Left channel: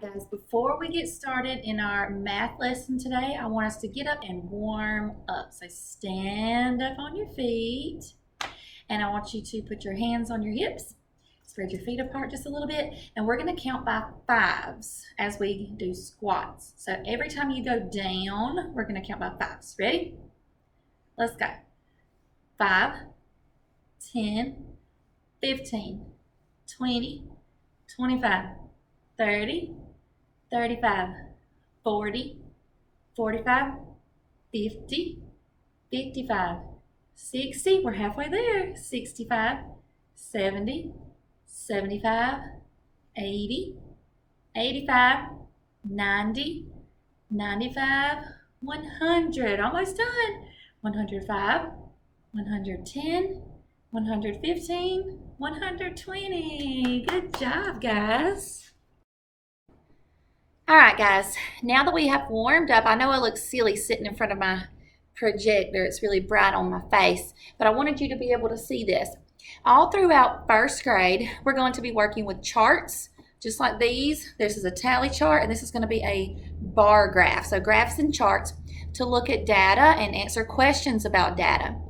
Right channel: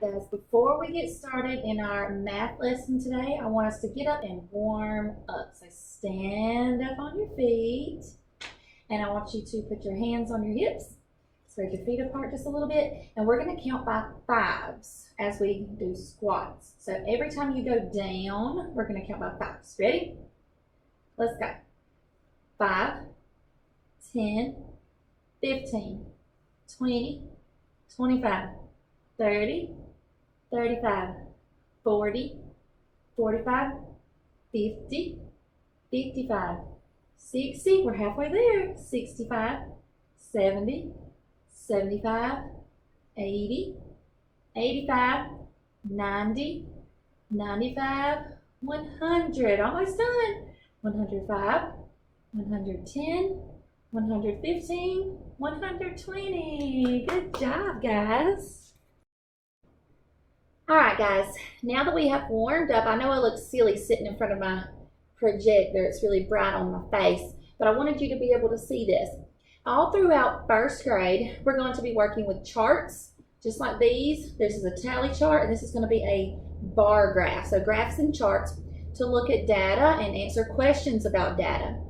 Guys, before we get started in our math lesson today, I want us to get up and warm up. So stand up on your feet, and I want you to put your hands on your hips, spread your feet apart just a little bit, and we're going to count by fives as we do squats. So every time you go down, we're going to count by fives. Ready? Let's go. 5, 10, 15, 20, 25, 30, 35, 40, 45, 50, 55, 60, we're halfway there, 65, 70, 75, 80, 85, 90, 95, 100, almost done, 105, 110, 115, 120. Good job, guys. All right, guys, now that we have warmed up, I know I look silly sitting in front of my projector. It's really bright on my face, but I wanted you to be able to see this. All throughout first grade, we're going to be working with charts, just like these. This is a tally chart, and this is going to be a bar graph. So graphs and charts to look at data and answer questions about data.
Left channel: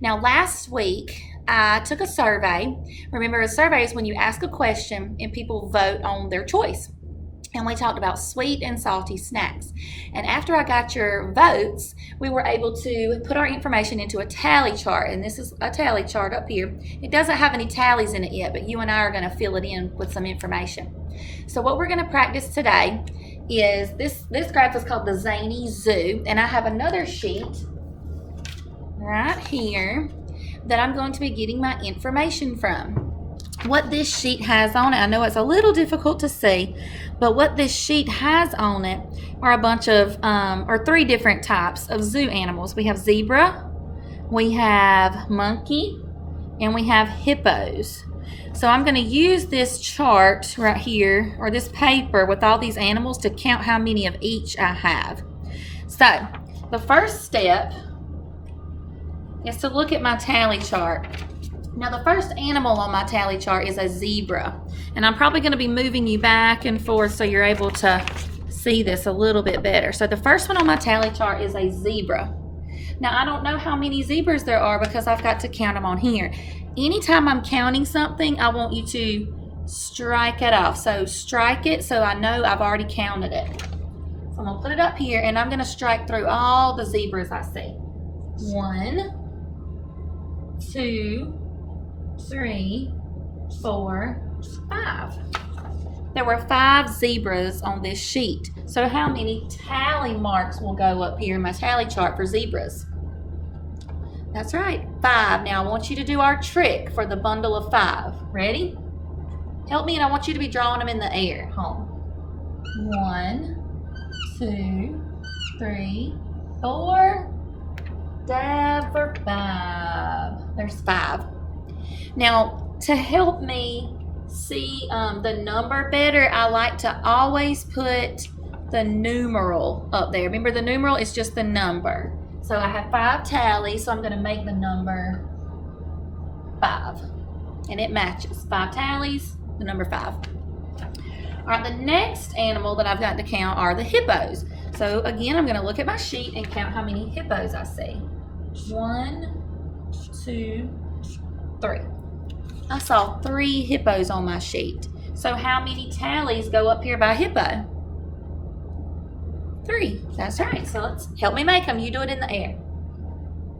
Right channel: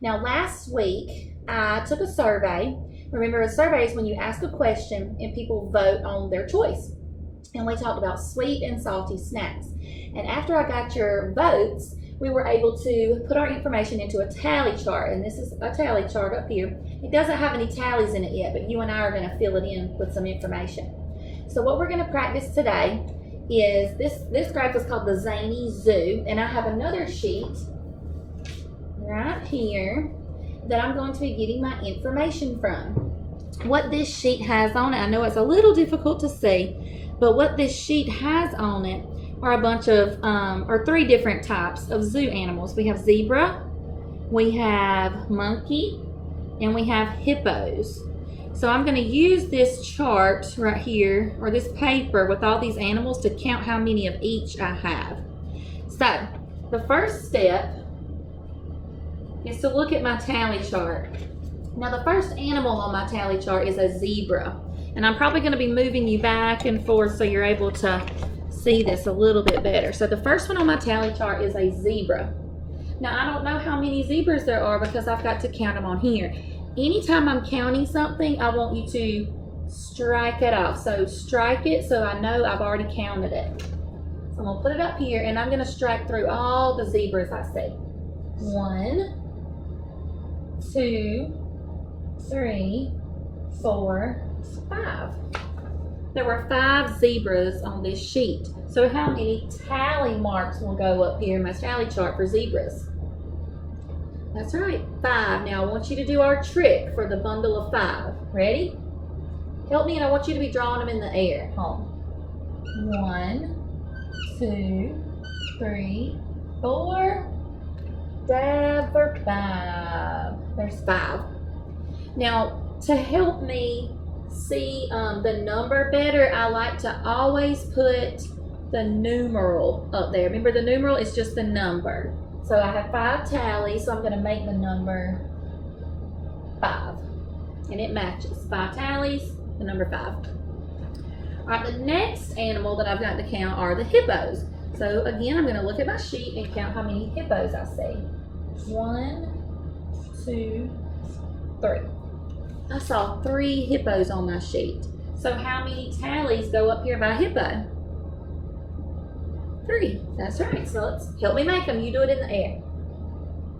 Now, last week, I took a survey. Remember, a survey is when you ask a question and people vote on their choice. And we talked about sweet and salty snacks. And after I got your votes, we were able to put our information into a tally chart. And this is a tally chart up here. It doesn't have any tallies in it yet, but you and I are going to fill it in with some information. So what we're going to practice today is this graph is called the Zany Zoo. And I have another sheet right here that I'm going to be getting my information from. What this sheet has on it, I know it's a little difficult to see, but what this sheet has on it are a bunch of, or 3 different types of zoo animals. We have zebra, we have monkey, and we have hippos. So I'm going to use this chart right here, or this paper with all these animals to count how many of each I have. So the first step is to look at my tally chart. Now the first animal on my tally chart is a zebra, and I'm probably going to be moving you back and forth so you're able to see this a little bit better. So the first one on my tally chart is a zebra. Now I don't know how many zebras there are because I've got to count them on here. Anytime I'm counting something, I want you to strike it off. So strike it so I know I've already counted it. So I'm going to put it up here, and I'm going to strike through all the zebras I see. 1, 2, 3, 4, 5. There were 5 zebras on this sheet. So how many tally marks will go up here in my tally chart for zebras? That's right, 5. Now I want you to do our trick for the bundle of 5. Ready? Help me, and I want you to be drawing them in the air. Home. 1, 2, 3, 4. Dab for 5. There's 5. Now, to help me see the number better, I like to always put the numeral up there. Remember, the numeral is just the number. So I have 5 tallies, so I'm going to make the number 5. And it matches. 5 tallies, the number 5. All right, the next animal that I've got to count are the hippos. So again, I'm going to look at my sheet and count how many hippos I see. 1, 2, 3. I saw 3 hippos on my sheet. So how many tallies go up here by hippo? 3. That's right. So let's help me make them. You do it in the air.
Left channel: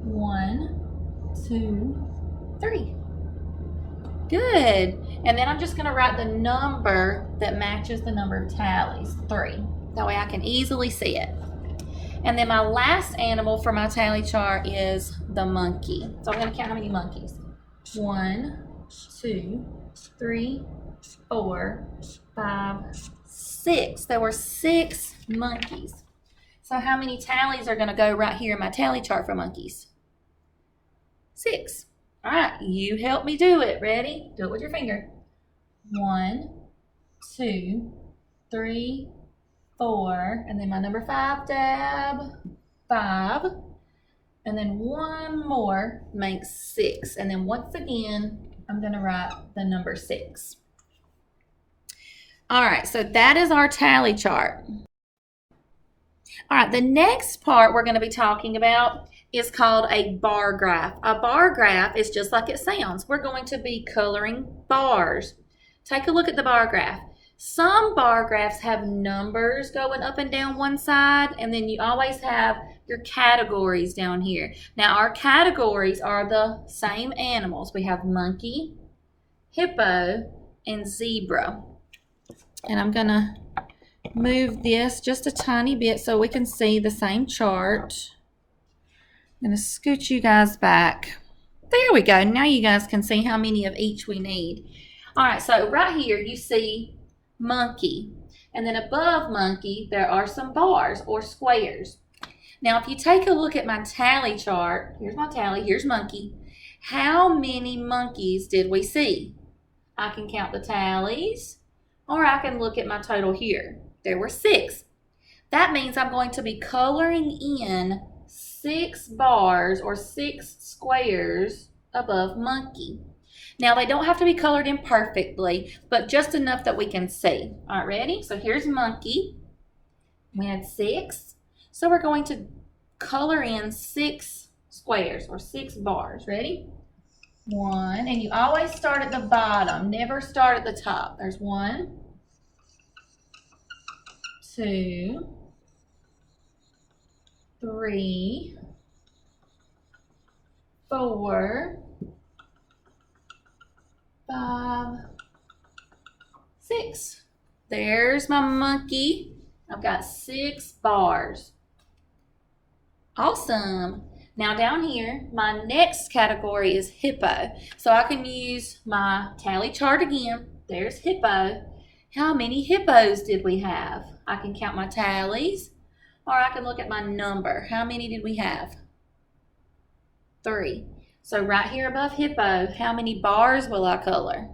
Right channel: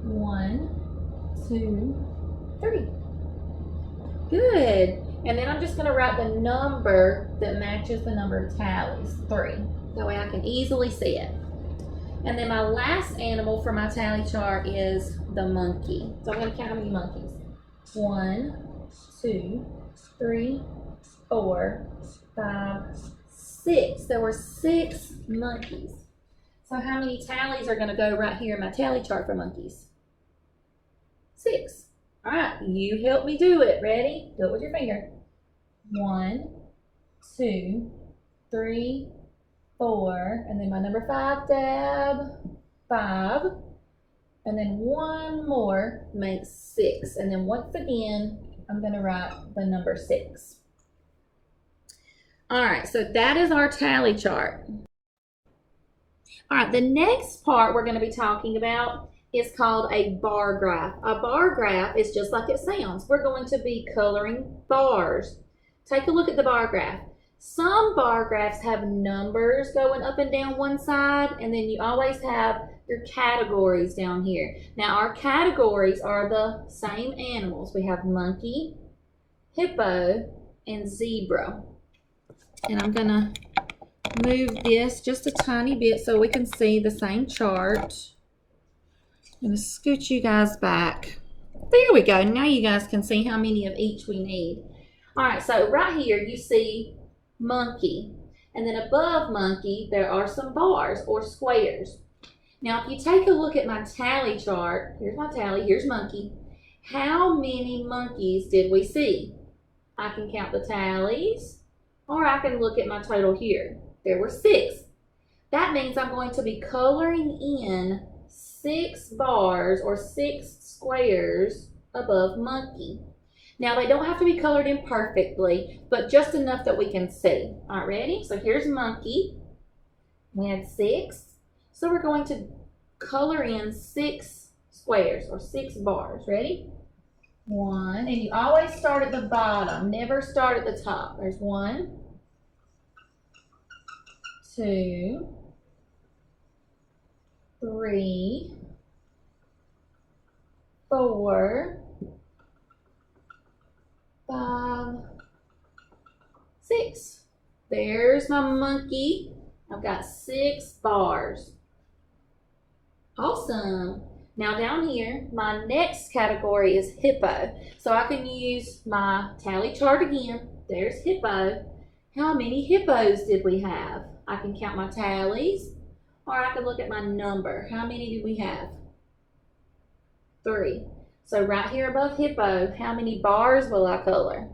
1, 2, 3. Good. And then I'm just going to write the number that matches the number of tallies, 3. That way I can easily see it. And then my last animal for my tally chart is the monkey. So I'm going to count how many monkeys. 1, 2, 3, 4, 5, 6. There were 6 monkeys. So how many tallies are going to go right here in my tally chart for monkeys? 6. All right, you help me do it. Ready? Do it with your finger. 1, 2, 3, 4, and then my number 5 dab, 5, and then one more makes 6, and then once again I'm going to write the number 6. All right, so that is our tally chart. All right, the next part we're going to be talking about is called a bar graph. A bar graph is just like it sounds. We're going to be coloring bars. Take a look at the bar graph. Some bar graphs have numbers going up and down one side, and then you always have your categories down here. Now, our categories are the same animals. We have monkey, hippo, and zebra. And I'm going to move this just a tiny bit so we can see the same chart. I'm going to scoot you guys back. There we go. Now you guys can see how many of each we need. All right, so right here you see monkey. And then above monkey, there are some bars or squares. Now, if you take a look at my tally chart, here's my tally, here's monkey. How many monkeys did we see? I can count the tallies, or I can look at my total here. There were 6. That means I'm going to be coloring in 6 bars or 6 squares above monkey. Now, they don't have to be colored in perfectly, but just enough that we can see. All right, ready? So here's monkey. We had 6. So we're going to color in 6 squares or 6 bars. Ready? 1, and you always start at the bottom, never start at the top. There's 1, 2, 3, 4, 5, 6. There's my monkey. I've got 6 bars. Awesome. Now down here, my next category is hippo. So I can use my tally chart again. There's hippo. How many hippos did we have? I can count my tallies, or I can look at my number. How many did we have? 3. So right here above hippo, how many bars will I color?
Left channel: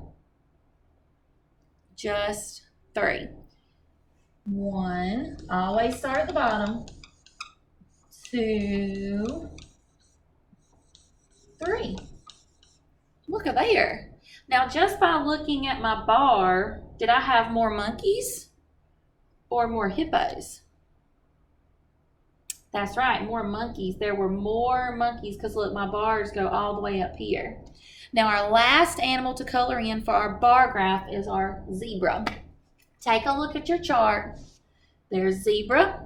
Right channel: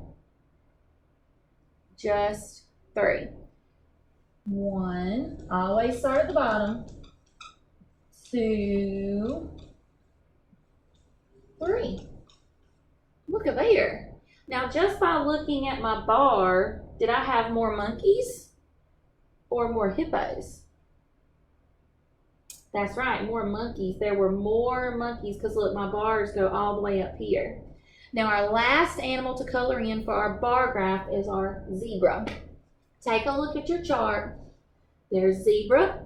Just 3. 1, always start at the bottom. 2, 3. Look at there. Now, just by looking at my bar, did I have more monkeys or more hippos? That's right, more monkeys. There were more monkeys because look, my bars go all the way up here. Now, our last animal to color in for our bar graph is our zebra. Take a look at your chart. There's zebra.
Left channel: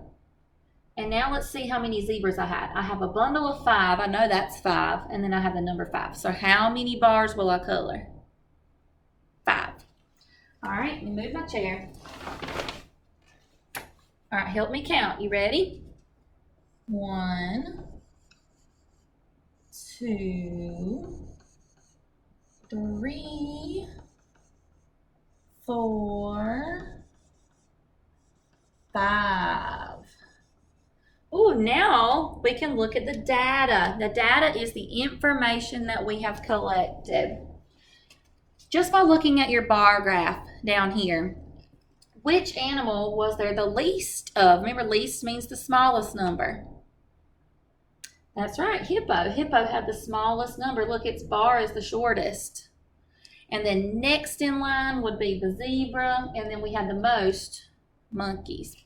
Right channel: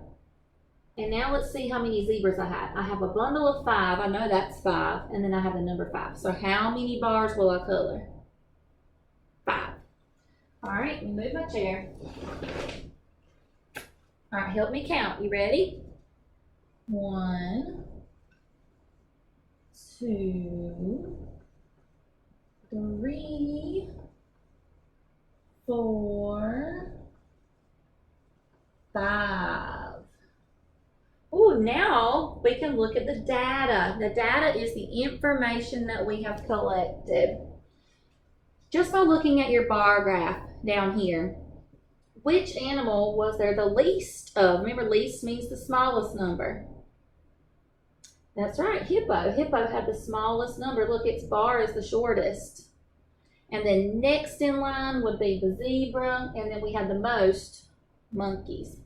And now let's see how many zebras I had. I have a bundle of 5. I know that's 5. And then I have the number 5. So how many bars will I color? 5. All right, move my chair. All right, help me count. You ready? 1, 2, 3, 4, 5. Oh, now we can look at the data. The data is the information that we have collected. Just by looking at your bar graph down here, which animal was there the least of? Remember, least means the smallest number. That's right, hippo. Hippo had the smallest number. Look, its bar is the shortest. And then next in line would be the zebra, and then we had the most monkeys.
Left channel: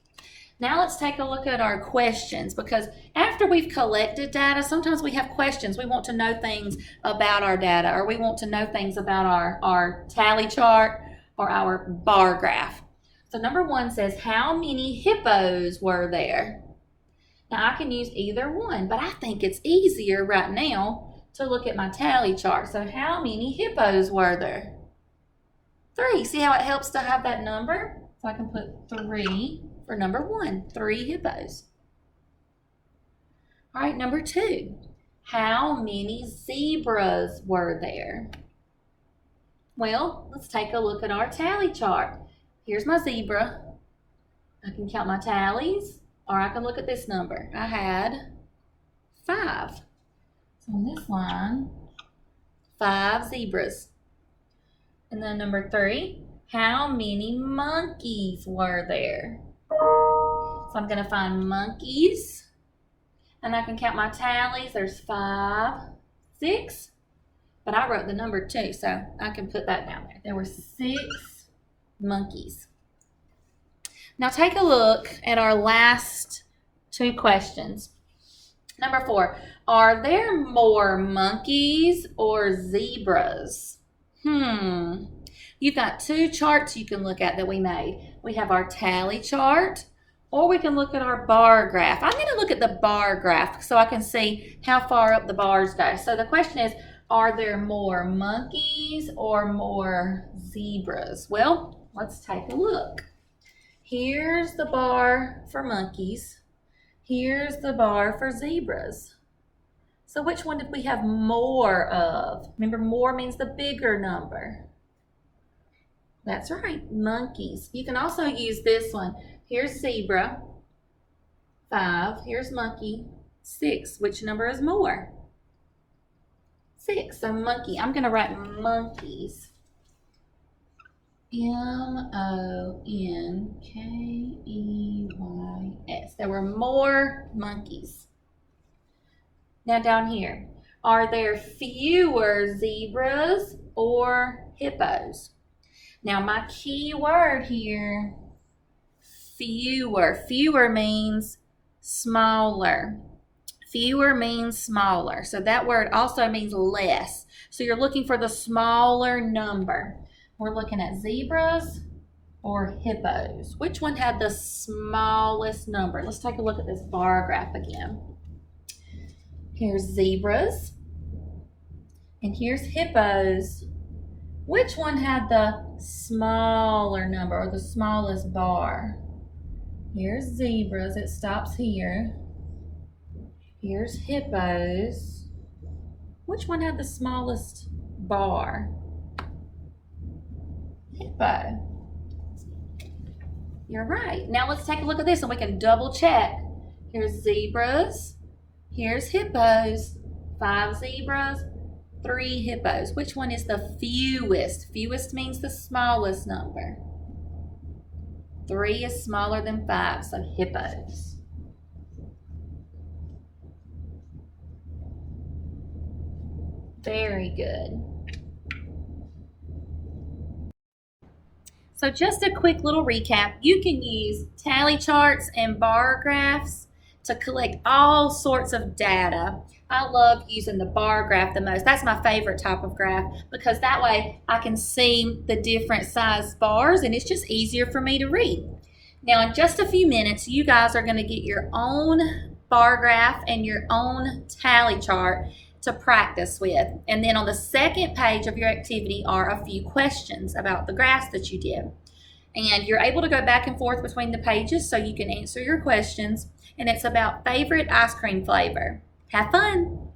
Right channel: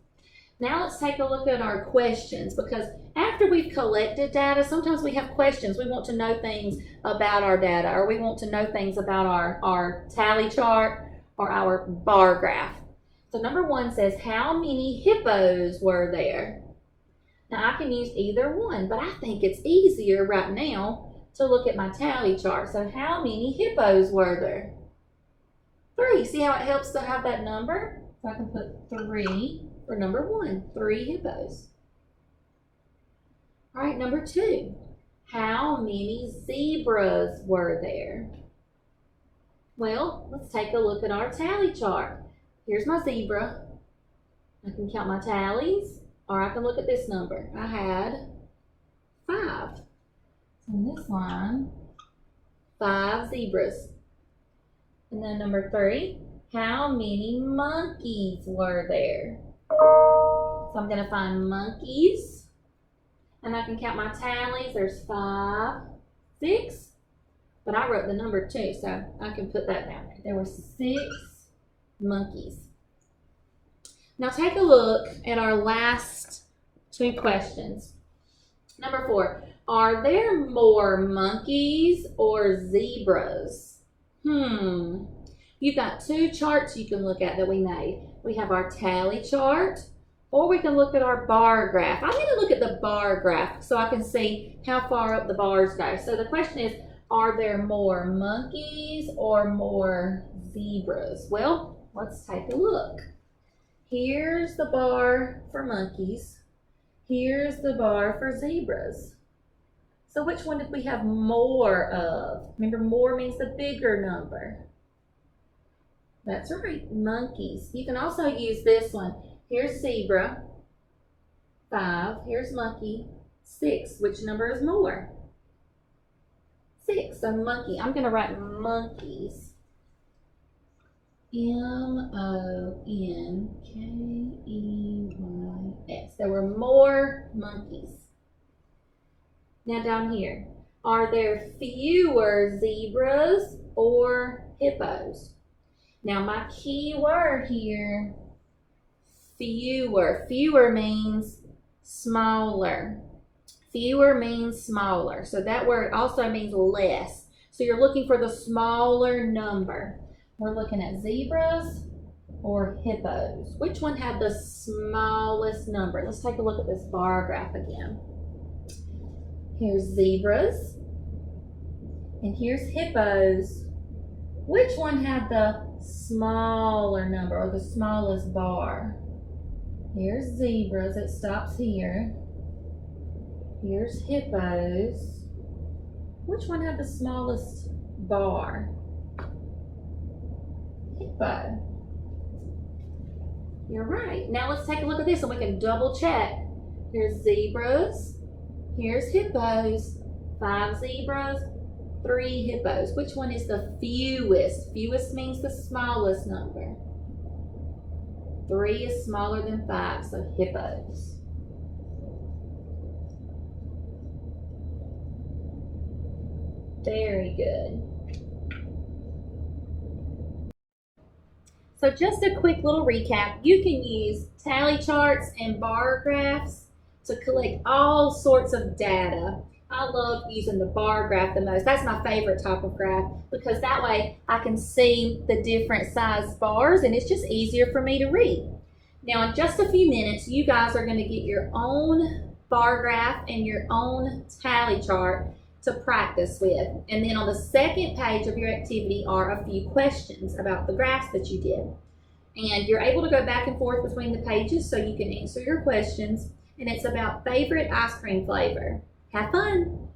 Now let's take a look at our questions, because after we've collected data, sometimes we have questions. We want to know things about our data, or we want to know things about our tally chart or our bar graph. So number 1 says, how many hippos were there? Now I can use either one, but I think it's easier right now to look at my tally chart. So how many hippos were there? 3. See how it helps to have that number? So I can put 3 for number 1, 3 hippos. All right, number 2, how many zebras were there? Well, let's take a look at our tally chart. Here's my zebra. I can count my tallies, or I can look at this number. I had 5. So on this line, 5 zebras. And then number 3, how many monkeys were there? So I'm going to find monkeys, and I can count my tallies. There's 5, 6, but I wrote the number 2, so I can put that down there. There were 6 monkeys. Now take a look at our last two questions. Number 4, are there more monkeys or zebras? You've got two charts you can look at that we made. We have our tally chart, or we can look at our bar graph. I'm going to look at the bar graph so I can see how far up the bars go. So the question is, are there more monkeys or more zebras? Well, let's take a look. Here's the bar for monkeys. Here's the bar for zebras. So which one did we have more of? Remember, more means the bigger number. That's right, monkeys. You can also use this one. Here's zebra, 5. Here's monkey, 6. Which number is more? 6. So monkey. I'm going to write monkeys. M-O-N-K-E-Y-S. There were more monkeys. Now down here, are there fewer zebras or hippos? Now my key word here, fewer. Fewer means smaller. Fewer means smaller. So that word also means less. So you're looking for the smaller number. We're looking at zebras or hippos. Which one had the smallest number? Let's take a look at this bar graph again. Here's zebras, and here's hippos. Which one had the smaller number or the smallest bar? Here's zebras, it stops here. Here's hippos. Which one had the smallest bar? Hippo. You're right. Now let's take a look at this and we can double check. Here's zebras. Here's hippos. 5 zebras, 3 hippos. Which one is the fewest? Fewest means the smallest number. 3 is smaller than 5, so hippos. Very good. So just a quick little recap. You can use tally charts and bar graphs to collect all sorts of data. I love using the bar graph the most. That's my favorite type of graph because that way I can see the different size bars and it's just easier for me to read. Now in just a few minutes, you guys are going to get your own bar graph and your own tally chart to practice with. And then on the second page of your activity are a few questions about the graphs that you did. And you're able to go back and forth between the pages so you can answer your questions. And it's about favorite ice cream flavor. Have fun!